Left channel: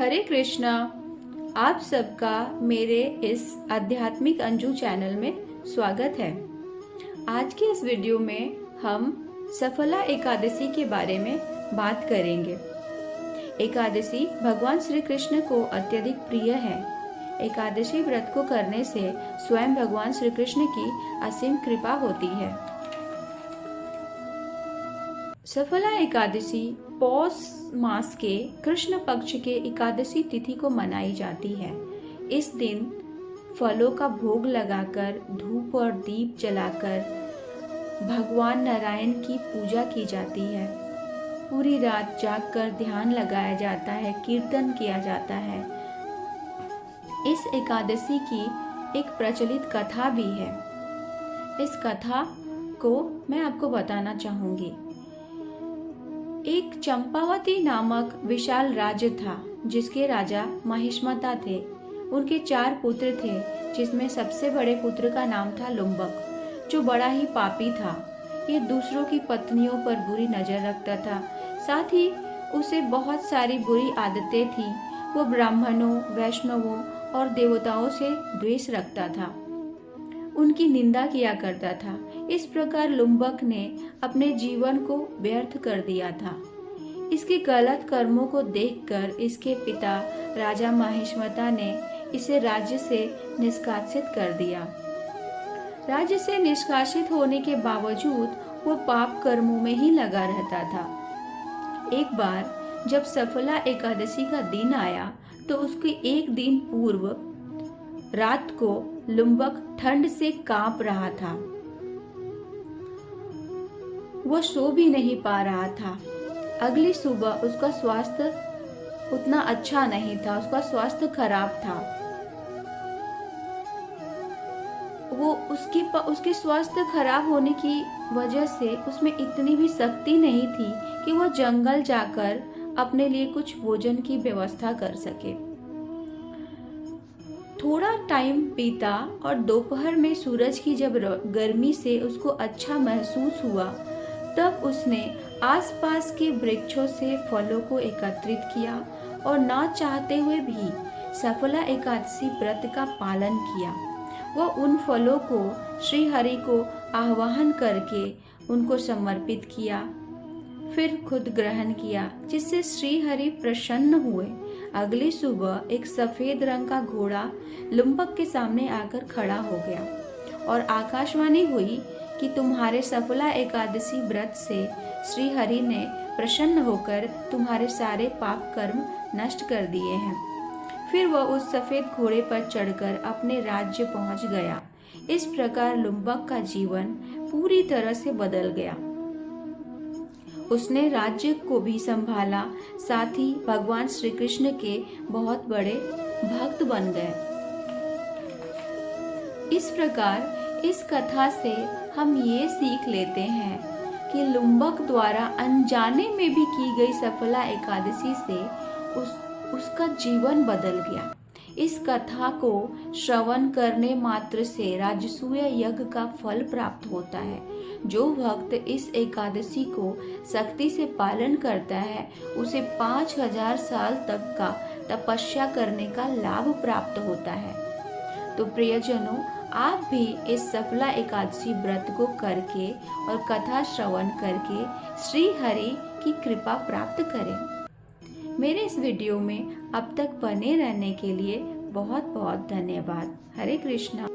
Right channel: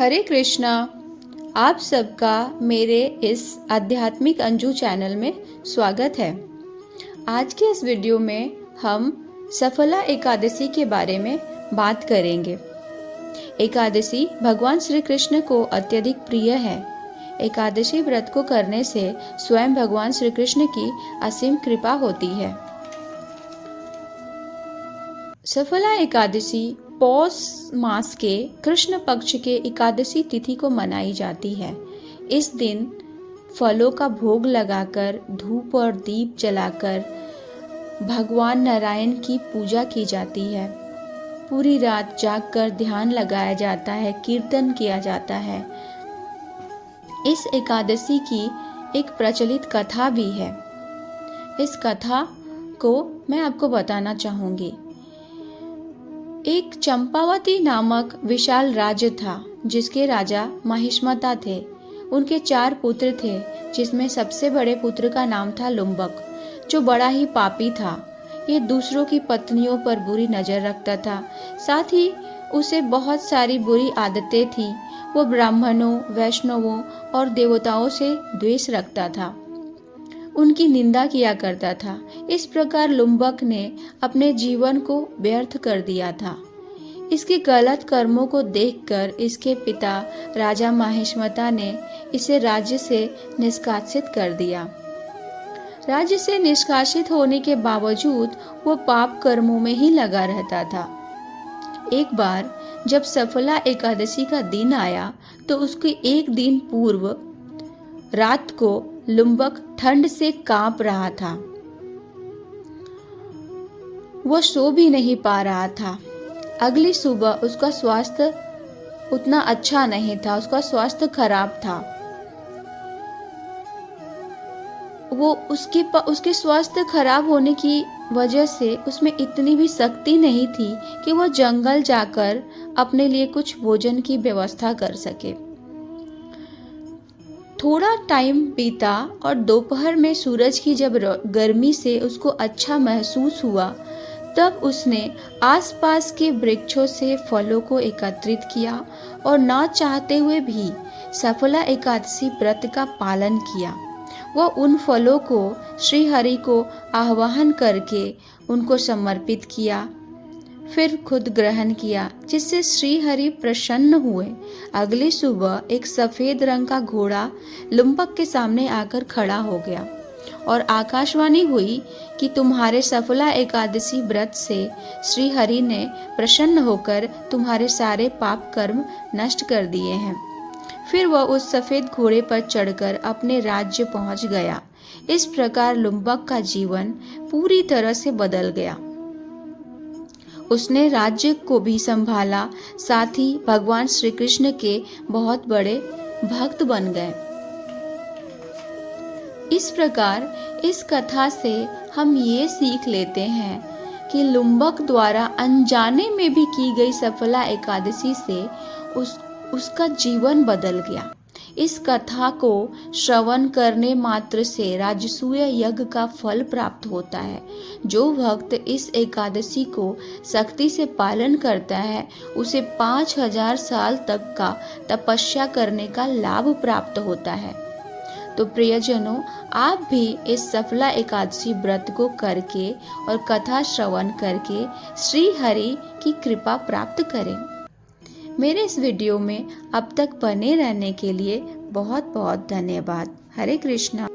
हरे कृष्णा। आप सबका मेरे इस आध्यात्मिक अंजू चैनल में स्वागत है। आज के इस वीडियो में हम सफला एकादशी के बारे में बात करेंगे। एकादशी भगवान श्री कृष्ण को अत्यधिक प्रिय है। एकादशी व्रत को करने से स्वयं भगवान श्री कृष्ण की असीम कृपा होती है। सफला एकादशी पौष मास के कृष्ण पक्ष के एकादशी तिथि को मनाई जाती है। इस दिन फलों का भोग लगाकर, धूप और दीप जलाकर भगवान नारायण की पूजा की जाती है। पूरी रात जागकर ध्यान लगाया जाता है, कीर्तन किया जाता है। इस एकादशी की एक प्रचलित कथा भी है। इस कथा को मैं आपको बताना चाहूंगी। एक चंपावती नामक विशाल राज्य था, जिसके राजा महिष्मता थे। उनके 4 पुत्र थे, जिसमें सबसे बड़े पुत्र का नाम था लुम्बक, जो बड़ा ही पापी था। ये दूसरों की पत्नियों पर बुरी नजर रखता था। साथ ही उसे बहुत सारी बुरी आदतें थी। वो ब्राह्मणों, वैष्णवों और देवताओं से द्वेष रखता था, उनकी निंदा किया करता था। इस प्रकार लुम्बक ने अपने जीवन को व्यर्थ कर दिया था। इसके गलत कर्मों को देखकर इसके पिता राजा महिष्मता ने इसे राज्य से निष्कासित कर दिया। राज्य से निष्कासित होने के बावजूद वो पाप कर्मों में ही लगा रहता था। एक बार जब सफला एकादशी का दिन आया तो उसके एक दिन पूर्व रात को लुम्बक ठंड से कांप रहा था। वो सो भी नहीं पा रहा था। अगली सुबह उसका स्वास्थ्य उतना अच्छा नहीं था, उसका स्वास्थ्य खराब था। वो उसके स्वास्थ्य खराब होने की वजह से उसमें इतनी भी शक्ति नहीं थी कि वो जंगल जाकर अपने लिए कुछ भोजन की व्यवस्था कर सके। थोड़ा टाइम बीता और दोपहर में सूरज की जब गर्मी से उसको अच्छा महसूस हुआ, तब उसने आसपास के वृक्षों से फलों को एकत्रित किया और ना चाहते हुए भी सफला एकादशी व्रत का पालन किया। वह उन फलों को श्री हरि को आह्वान करके उनको समर्पित किया, फिर खुद ग्रहण किया, जिससे श्री हरि प्रसन्न हुए। अगली सुबह एक सफेद रंग का घोड़ा लुम्बक के सामने आकर खड़ा हो गया और आकाशवाणी हुई कि तुम्हारे सफला एकादशी व्रत से श्री हरि ने प्रसन्न होकर तुम्हारे सारे पाप कर्म नष्ट कर दिए हैं। फिर वह उस सफेद घोड़े पर चढ़कर अपने राज्य पहुंच गया। इस प्रकार लुम्बक का जीवन पूरी तरह से बदल गया। उसने राज्य को भी संभाला, साथ ही भगवान श्री कृष्ण के बहुत बड़े भक्त बन गए। इस प्रकार इस कथा से हम ये सीख लेते हैं कि लुम्बक द्वारा अनजाने में भी की गई सफला एकादशी से उसका जीवन बदल गया। इस कथा को श्रवण करने मात्र से राजसूय यज्ञ का फल प्राप्त होता है। जो भक्त इस एकादशी को सख्ती से पालन करता है, उसे 5000 साल तक का तपस्या करने का लाभ प्राप्त होता है। तो प्रियजनों, आप भी इस सफला एकादशी व्रत को करके और कथा श्रवण करके श्री हरि की कृपा प्राप्त करें। मेरे इस वीडियो में अब तक बने रहने के लिए बहुत बहुत धन्यवाद। हरे कृष्णा।